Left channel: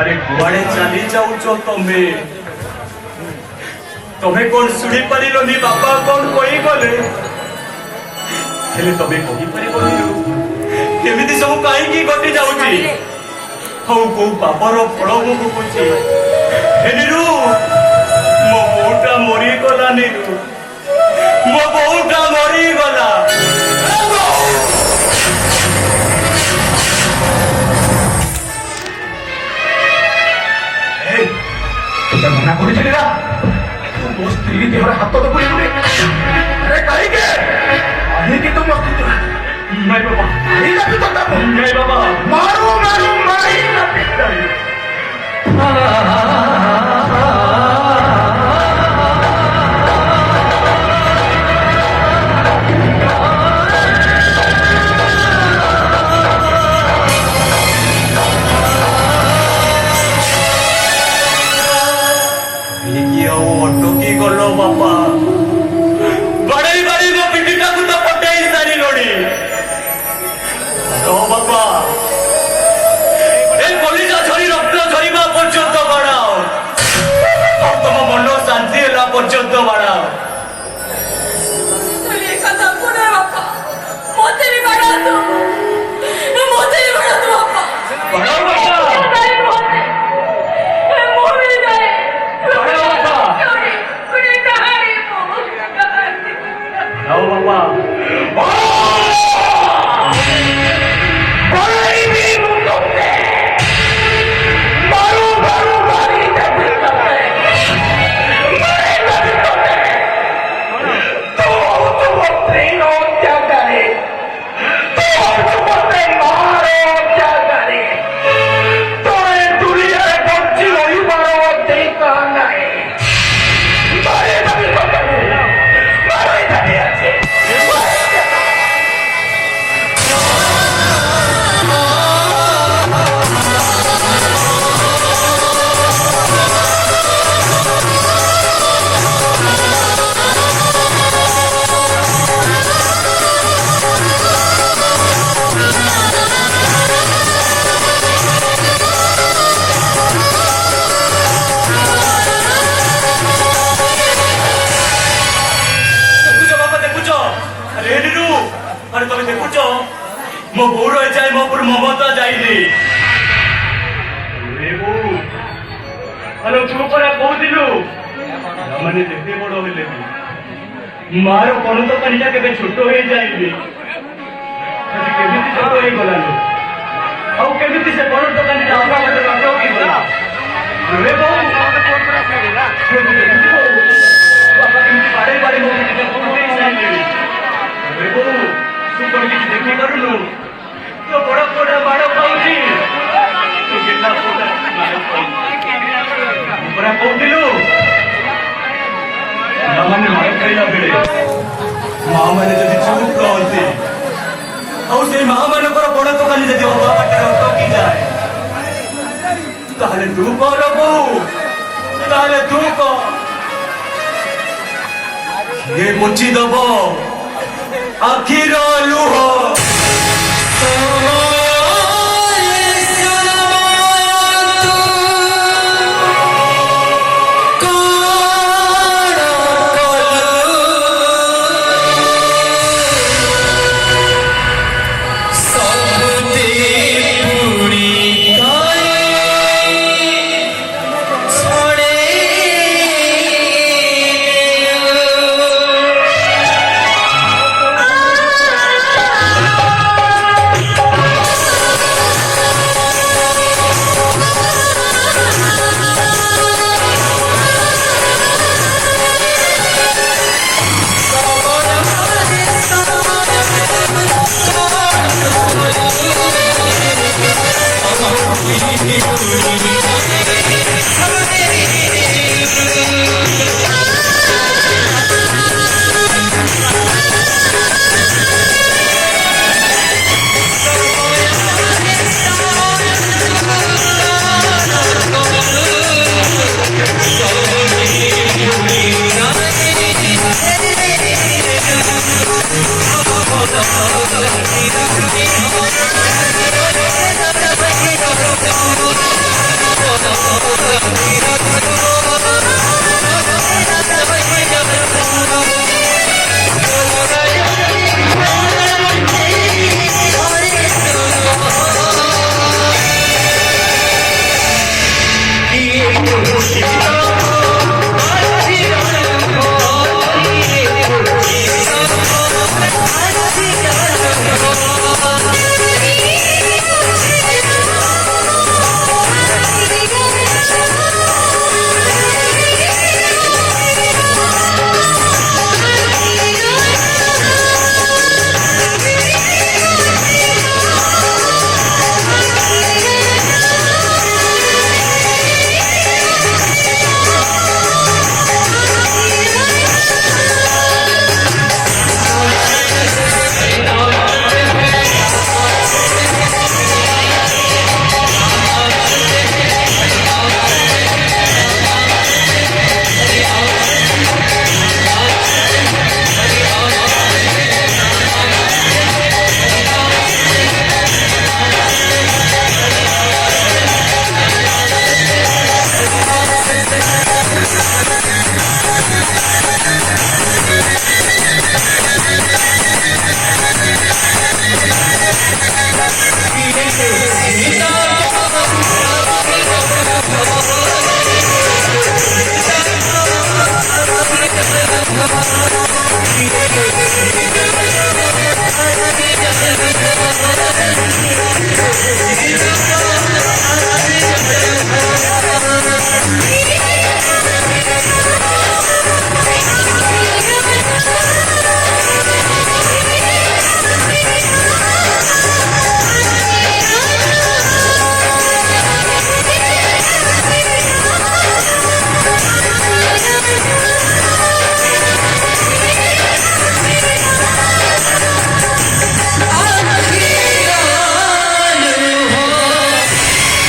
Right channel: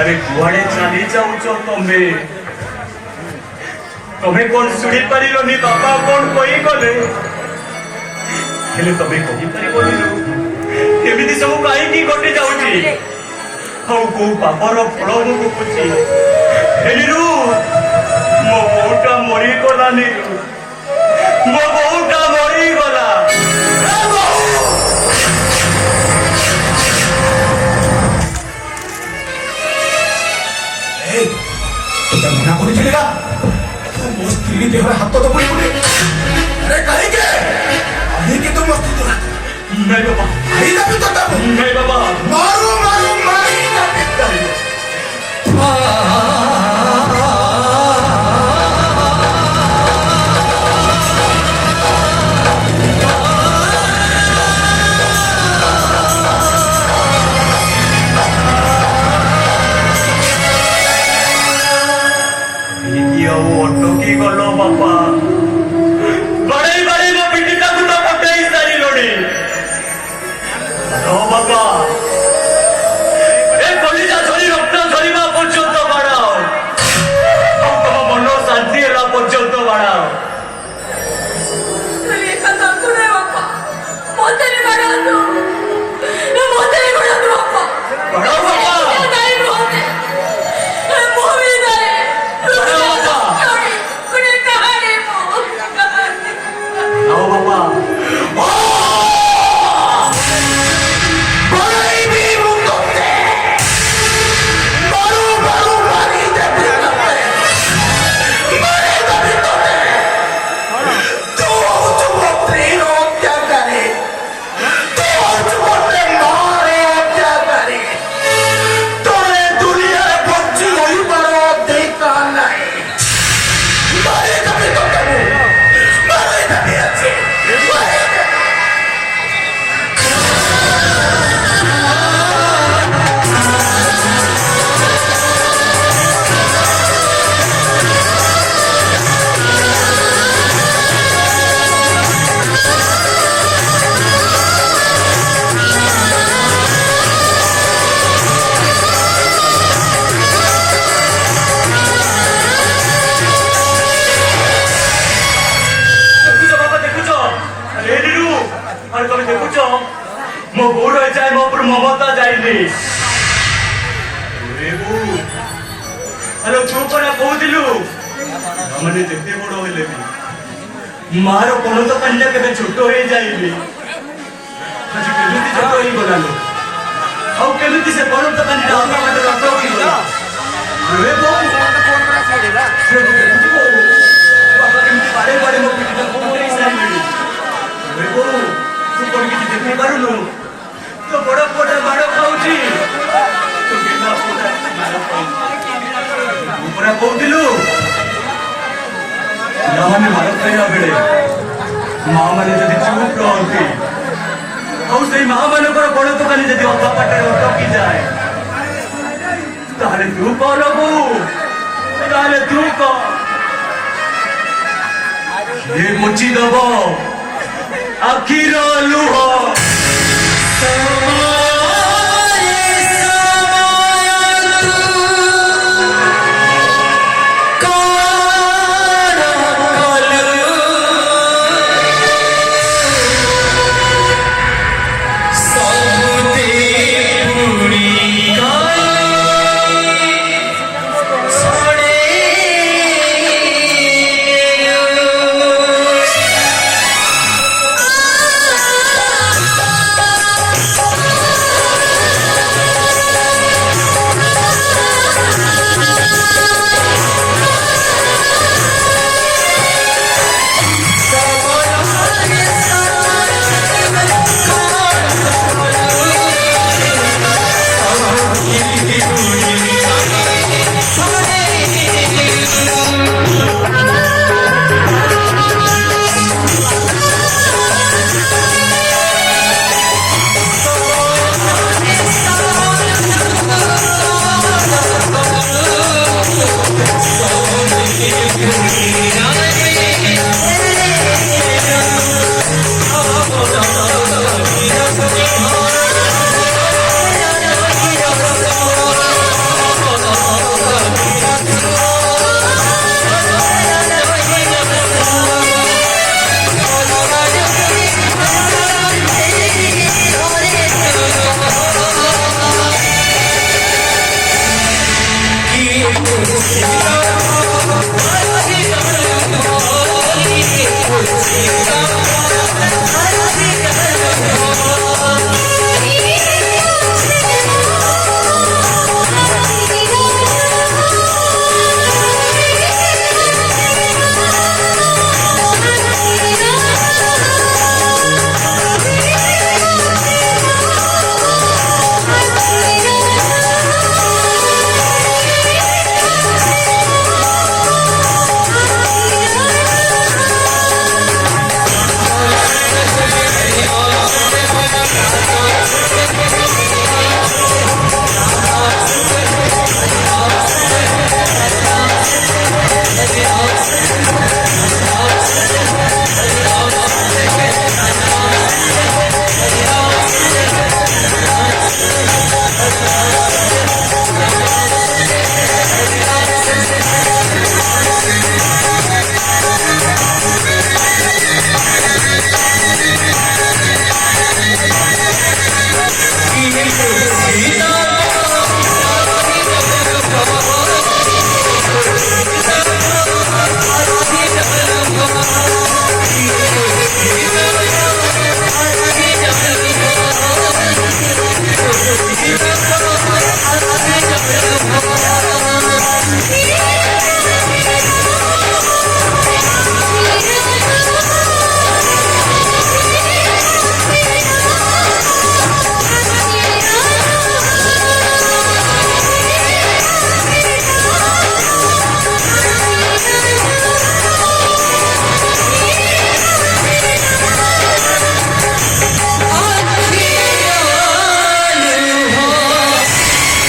अरे कुआड़े चली जाऊच तुम्हें तुम्हें कौन शुणी पारिलनी बापा कौन कही गले हेले तुम्हें कही पारिबनी केमिति सब काईकी घटी जाउची हौ को पापर फल मु भुकुची हेलिरु मो बोटा मरी गला निरु मो बोटा मरी गला मना कर मो स्त्री देह हाथ तो पुणी अरे कहीं तुम नहीं बाबा नहीं बाबा मारू मारू मारी मो गोड़ जाए मो पर ममता जाइली हेलो तू परा कहूलु हमने जेते बड़ होले मार कोन तो कन्या के छोट हो जाइबे आज केमिति छोट होई गलालो औ केमिति से बड़ तो कन्या हमरा मते रटो की गला रे बाबू बाबा केमिति बाड़े बाड़े मो के कोटे साइली रे बाबू तू कोन की देखि करूनु तो बड़ बड़ बाड़ खाउची तो गिला पोटा बाड़ खाउची ऊपर कहूलु माने मार खाइला बेले मां माने जदि चुप रहते और से मां मानकर बड़ दुकानी जदि बाबा पाटे अटकी जाए ताले तू कहलबू ताले तू कह ये मुची दबो आखिर लुह